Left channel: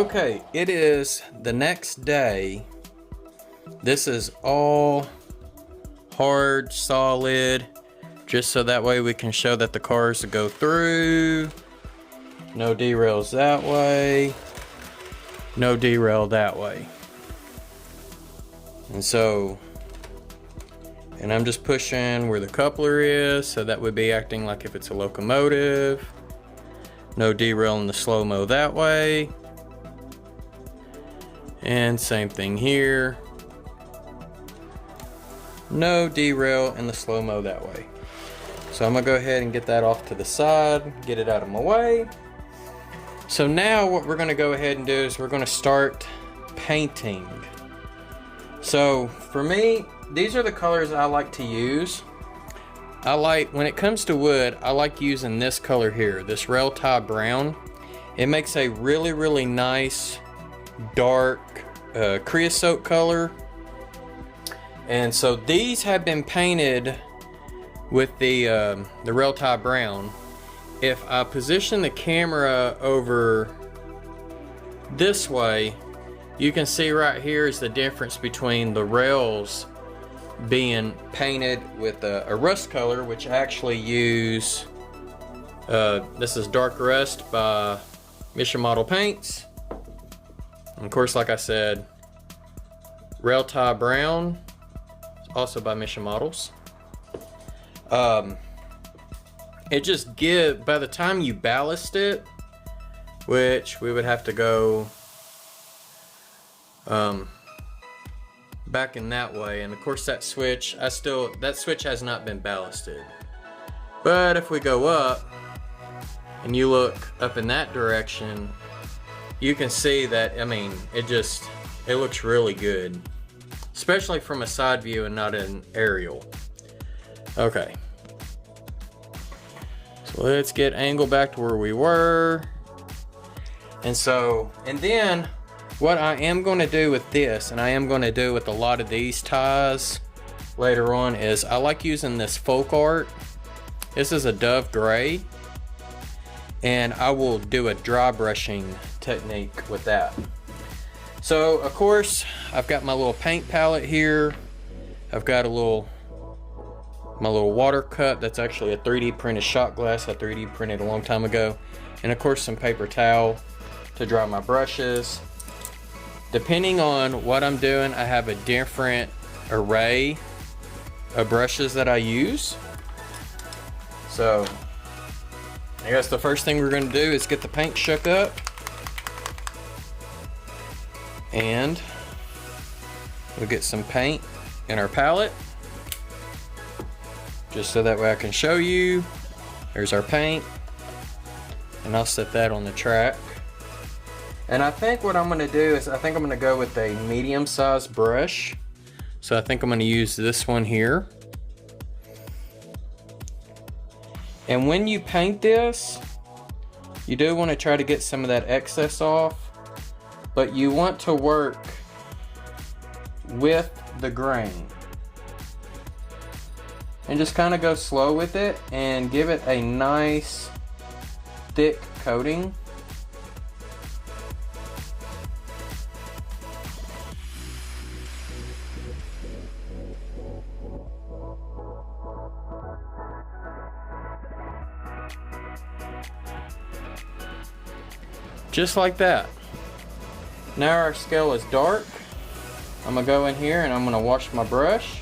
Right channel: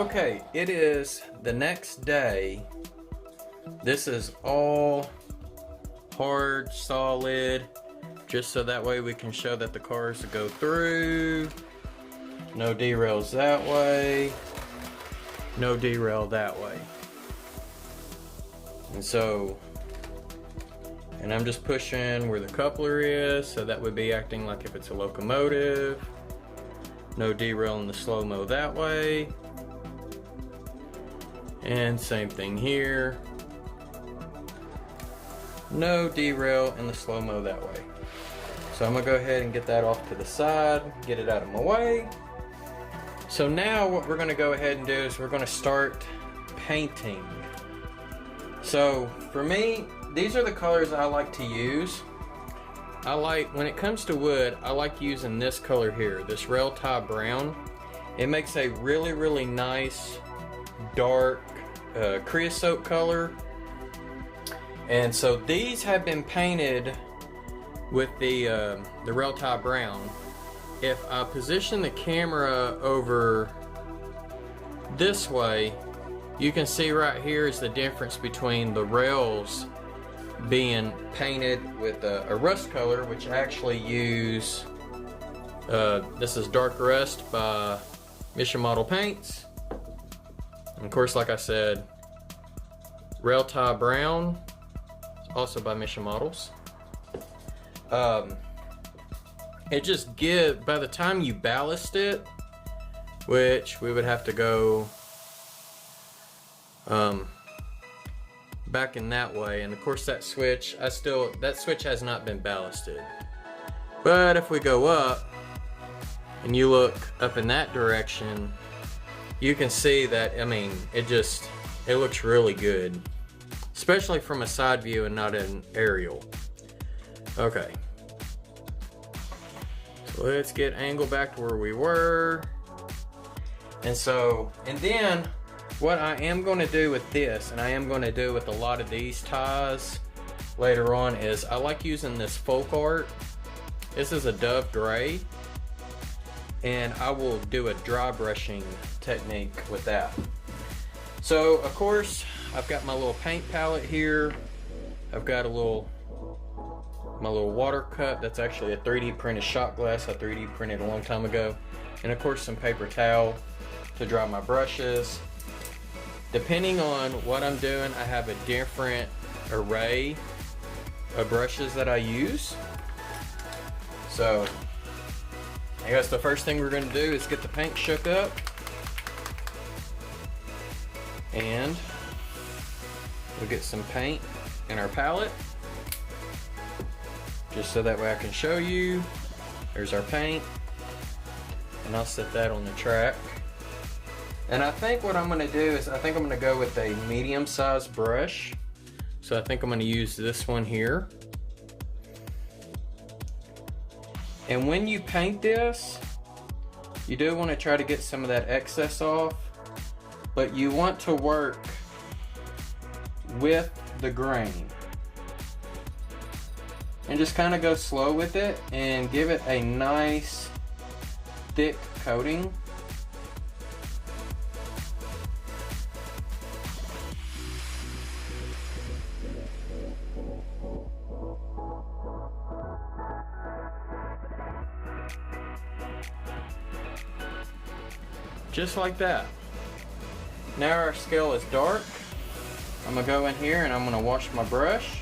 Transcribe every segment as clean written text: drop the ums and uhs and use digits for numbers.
Okay, it is the next day. This is all hard, solid, just so that way we can show that the cars go through. No derails that way. No derail that way. And I'm just pushing where the coupler is, so that would be acting like if it's a locomotive. No derail in the slow-mo that way. And same thing here. No derail in the slow-mo that way. So I'm gonna go ahead and get that off to the side, get it out of my way. So now what we're gonna go ahead and do is we're gonna start painting. So for me, these are the colors I like to use. When it comes to wood, I like using this color here, this rail tie brown. It makes a really, really nice dark creosote color. And so these have been painted with the rail tie brown. If I position the camera over this way, you can see right here is the difference between the rails being painted with a rust color, which I actually use. This is Dark Rust by Mission Model Paints. And of course, like I said, Rail Tie Brown, also by Mission Models. It just gives, by the time you ballast it, which we would have to go back in that way, and of course that switch, that switch has not been ballasted. But if we go up and you look up in that direction, you can see that, I mean, it looks really good, especially from a side view and not an aerial. Okay, so let's get angled back to where we were. And then what I am going to do with this, and I am going to do with a lot of these ties later on, is I like using this folk art. This is a Dove Gray, and I will do a dry brushing technique with that. So of course I've got my little paint palette here. I've got my little water cup that's actually a 3D printed shot glass I 3D printed a long time ago, and of course some paper towel to dry my brushes. Depending on what I'm doing, I have a different array of brushes that I use. So I guess the first thing we're going to do is get the paint shook up, and we'll get some paint in our palette, just so that way I can show you. There's our paint, and I'll set that on the track. And I think what I'm going to do is, I think I'm going to go with a medium-sized brush. So I think I'm going to use this one here. And when you paint this, you do want to try to get some of that excess off, but you want to work with the grain. And just kind of go slow with it and give it a nice thick coating. Just like that. Now our scale is dark. I'm gonna go in here and I'm gonna wash my brush.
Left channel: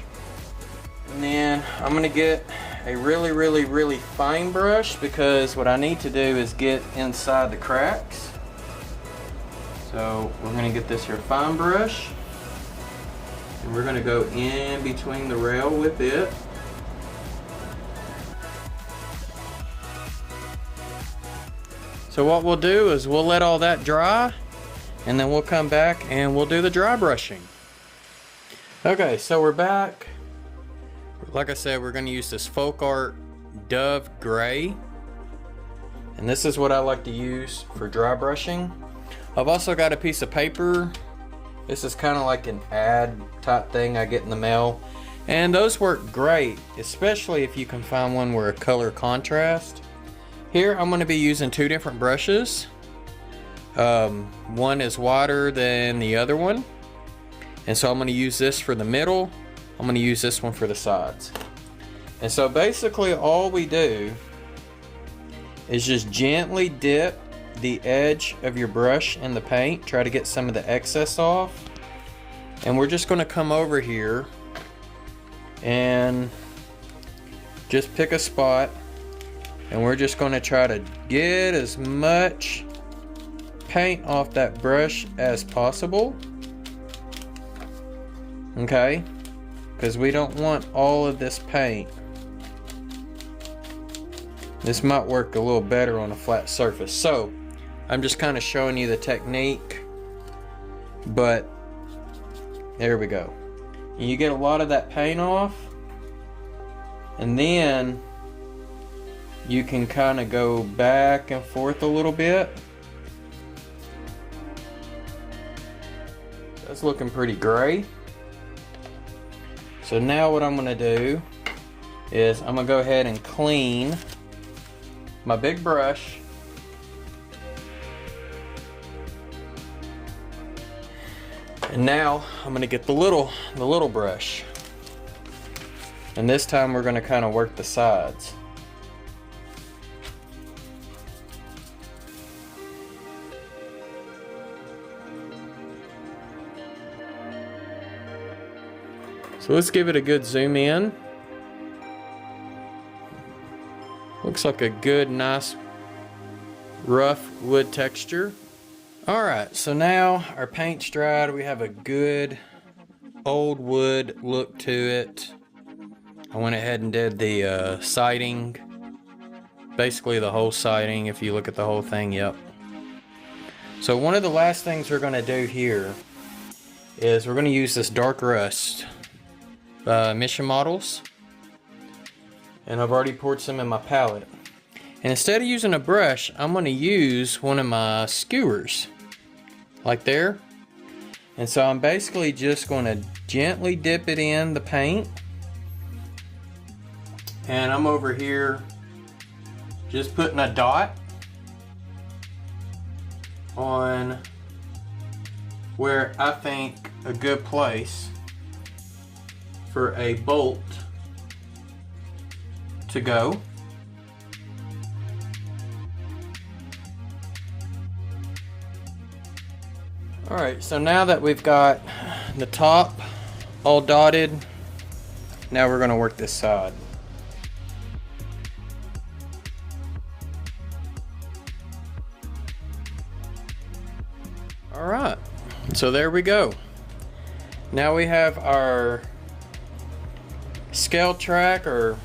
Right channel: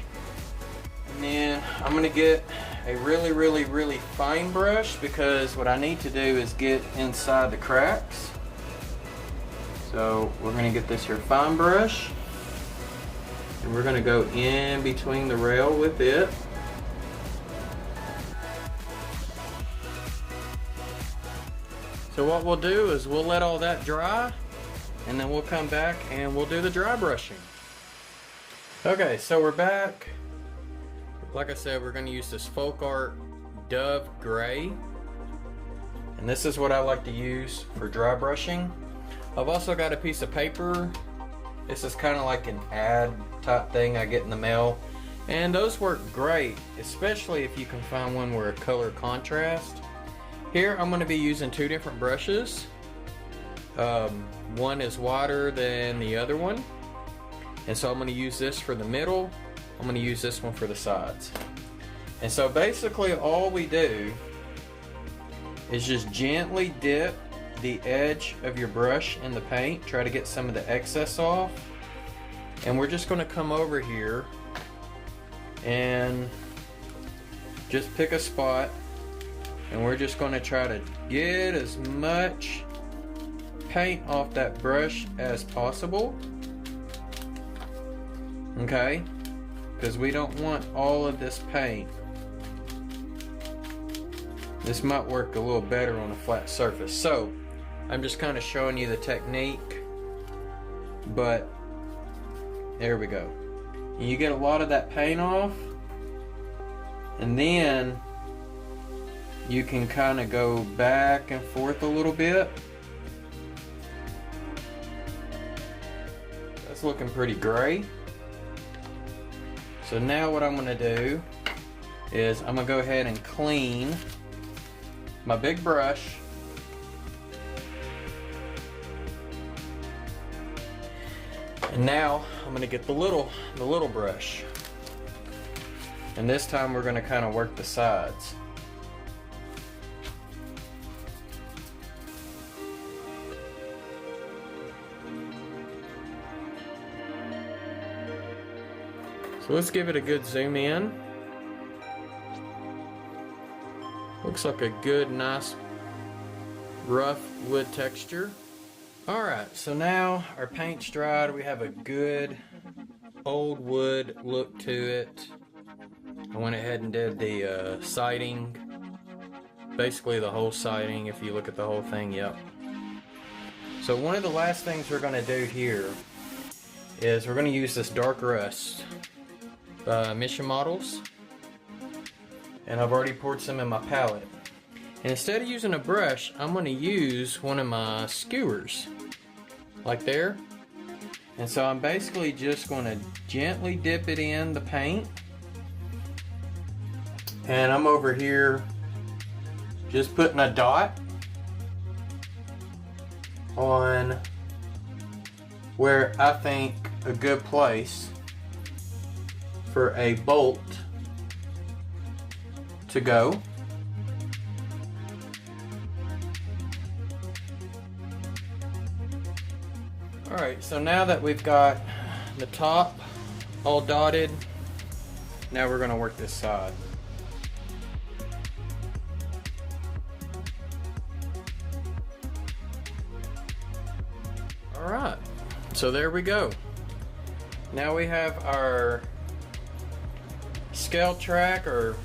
And then I'm gonna get a really, really, really fine brush, because what I need to do is get inside the cracks. So we're gonna get this here fine brush, and we're gonna go in between the rail with it. So what we'll do is we'll let all that dry, and then we'll come back and we'll do the dry brushing. Okay, so we're back. Like I said, we're going to use this folk art Dove Gray, and this is what I like to use for dry brushing. I've also got a piece of paper. This is kind of like an ad type thing I get in the mail, and those work great, especially if you can find one where a color contrast. Here I'm going to be using two different brushes. One is wider than the other one. And so I'm going to use this for the middle. I'm going to use this one for the sides. And so basically all we do is just gently dip the edge of your brush in the paint. Try to get some of the excess off. And we're just going to come over here and just pick a spot. And we're just going to try to get as much paint off that brush as possible. Okay? Because we don't want all of this paint. This might work a little better on a flat surface. So, I'm just kind of showing you the technique. But, there we go. And you get a lot of that paint off. And then you can kind of go back and forth a little bit. That's looking pretty gray. So now what I'm going to do is I'm going to go ahead and clean my big brush. And now I'm going to get the little brush. And this time we're going to kind of work the sides. So let's give it a good zoom in. Looks like a good, nice, rough wood texture. Alright, so now our paint's dried. We have a good old wood look to it. I went ahead and did the siding. Basically the whole siding, if you look at the whole thing, yep. So one of the last things we're going to do here is we're going to use this dark rust. Mission models, and I've already poured some in my palette. And instead of using a brush, I'm going to use one of my skewers, like there. And so I'm basically just going to gently dip it in the paint, and I'm over here just putting a dot on where I think a good place for a bolt to go. Alright, so now that we've got the top all dotted, now we're going to work this side. Alright, so there we go. Now we have our scale track, or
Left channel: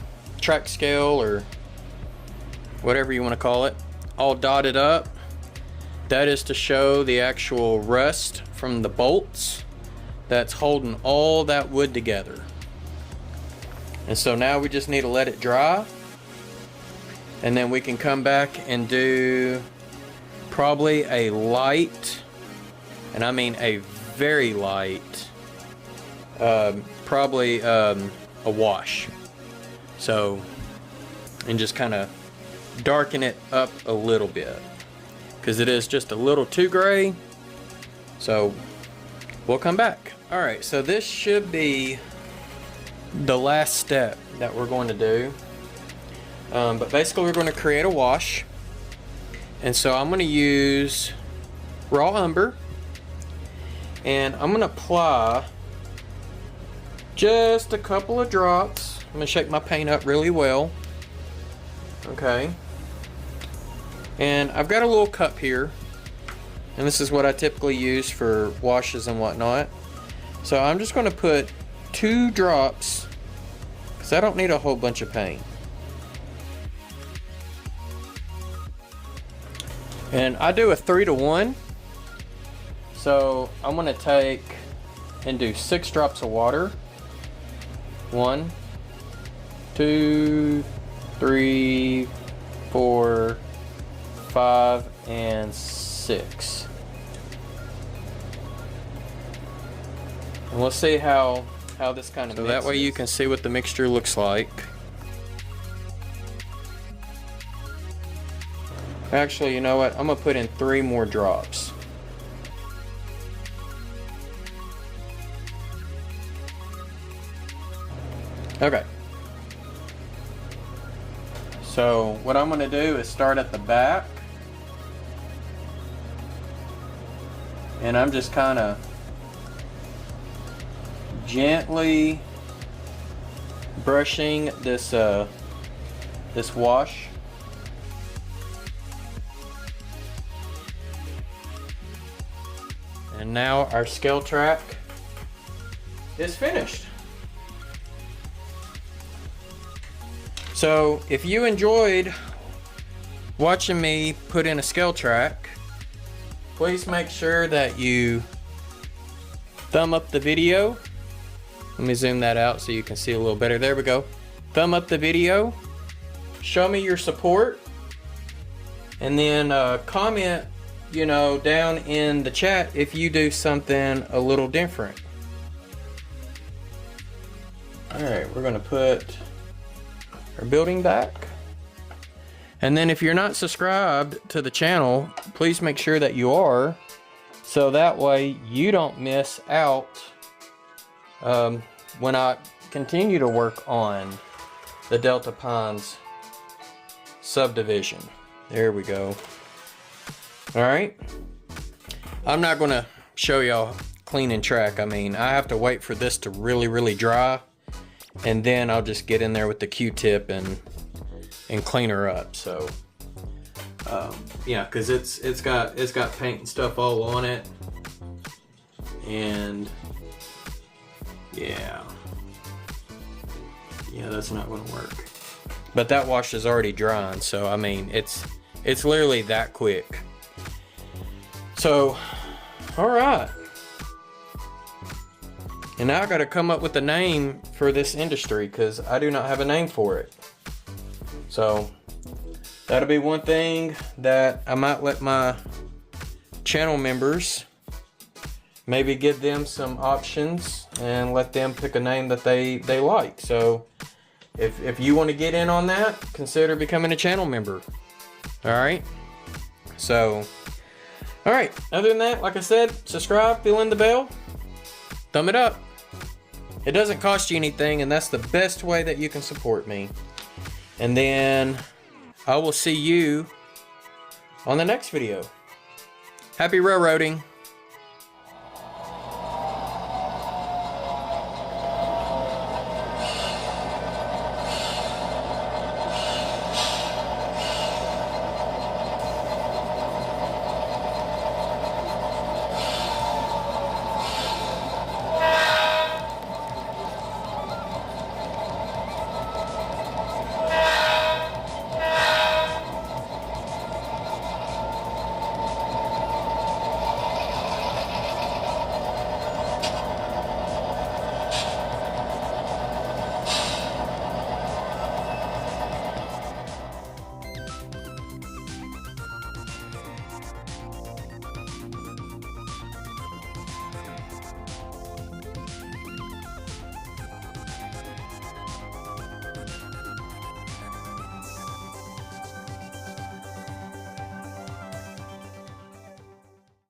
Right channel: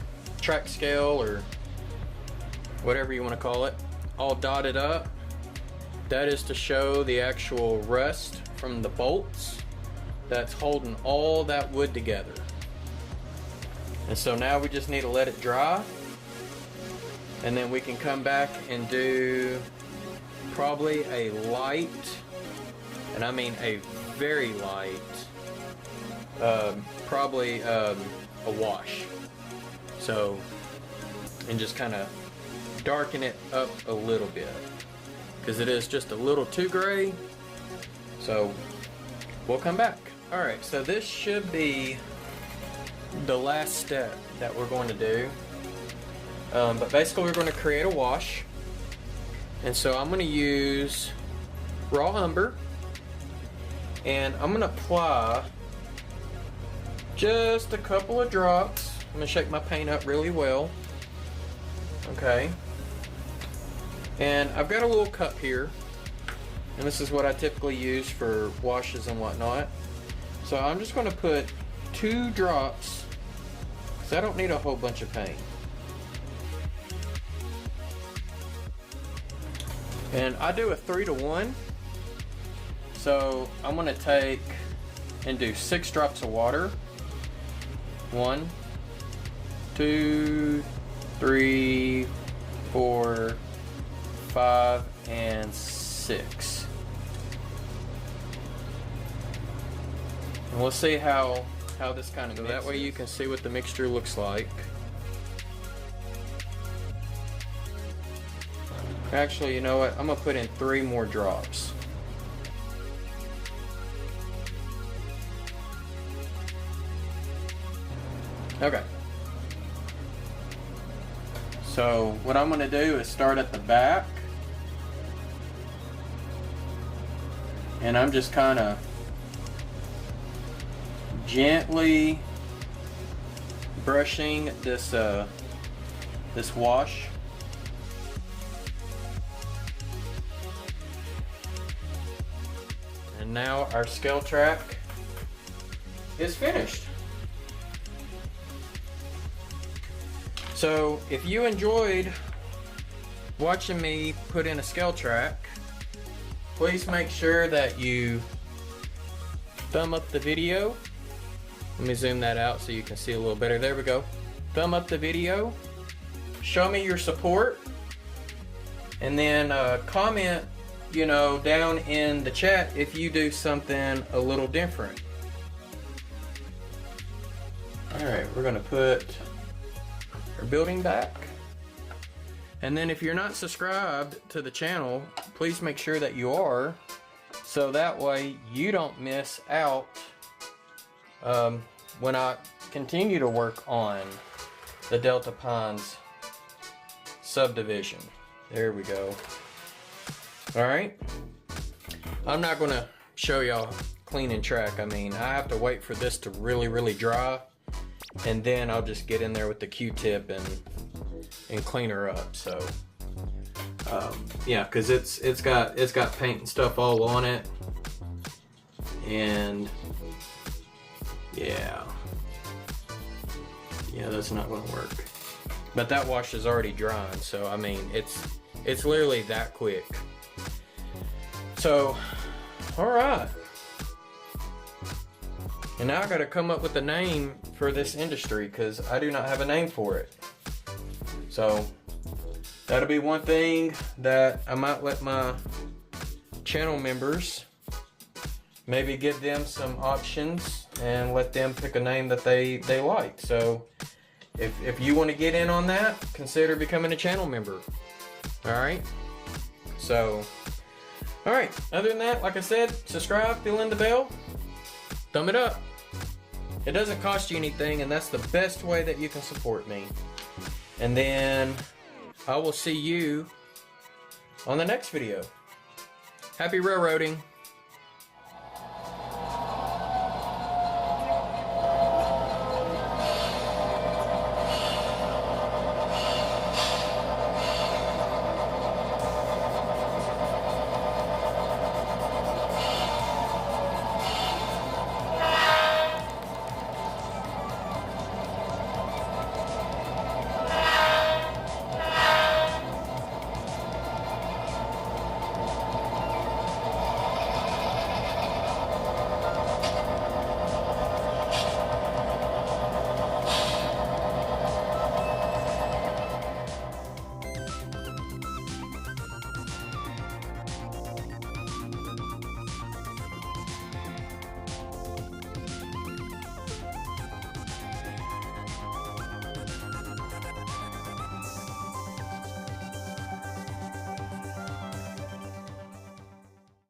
track scale, or whatever you want to call it, all dotted up. That is to show the actual rust from the bolts that's holding all that wood together. And so now we just need to let it dry, and then we can come back and do probably a light, and I mean a very light, probably a wash. So, and just kind of darken it up a little bit, because it is just a little too gray. So we'll come back. Alright, so this should be the last step that we're going to do. But basically we're going to create a wash. And so I'm going to use raw umber, and I'm going to apply just a couple of drops. I'm going to shake my paint up really well. Okay. And I've got a little cup here, and this is what I typically use for washes and whatnot. So I'm just going to put 2 drops, because I don't need a whole bunch of paint. And I do a 3-to-1. So I'm going to take and do 6 drops of water. 1, 2, 3, 4, 5, and 6. And we'll see how this kind of mixes. So that way you can see what the mixture looks like. Actually, you know what? I'm gonna put in 3 more drops. Okay. So what I'm gonna do is start at the back. And I'm just kind of gently brushing this this wash. And now our scale track is finished. So if you enjoyed watching me put in a scale track, please make sure that you thumb up the video. Let me zoom that out so you can see a little better. There we go. Thumb up the video. Show me your support. And then comment, you know, down in the chat if you do something a little different. Alright, we're going to put our building back. And then if you're not subscribed to the channel, please make sure that you are, so that way you don't miss out when I continue to work on the Delta Pines subdivision. There we go. Alright. I'm not going to show y'all cleaning track. I mean, I have to wait for this to really dry, and then I'll just get in there with the Q-tip and clean her up. So yeah, because it's got paint and stuff all on it, and yeah, that's not gonna work. But that wash is already drying, so I mean it's literally that quick. So all right, and now I got to come up with a name for this industry, because I do not have a name for it. So that'll be one thing that I might let my channel members, maybe give them some options and let them pick a name that they like. So if you want to get in on that, consider becoming a channel member. Alright? So, alright, other than that, like I said, subscribe, fill in the bell, thumb it up. It doesn't cost you anything, and that's the best way that you can support me. And then I will see you on the next video. Happy railroading.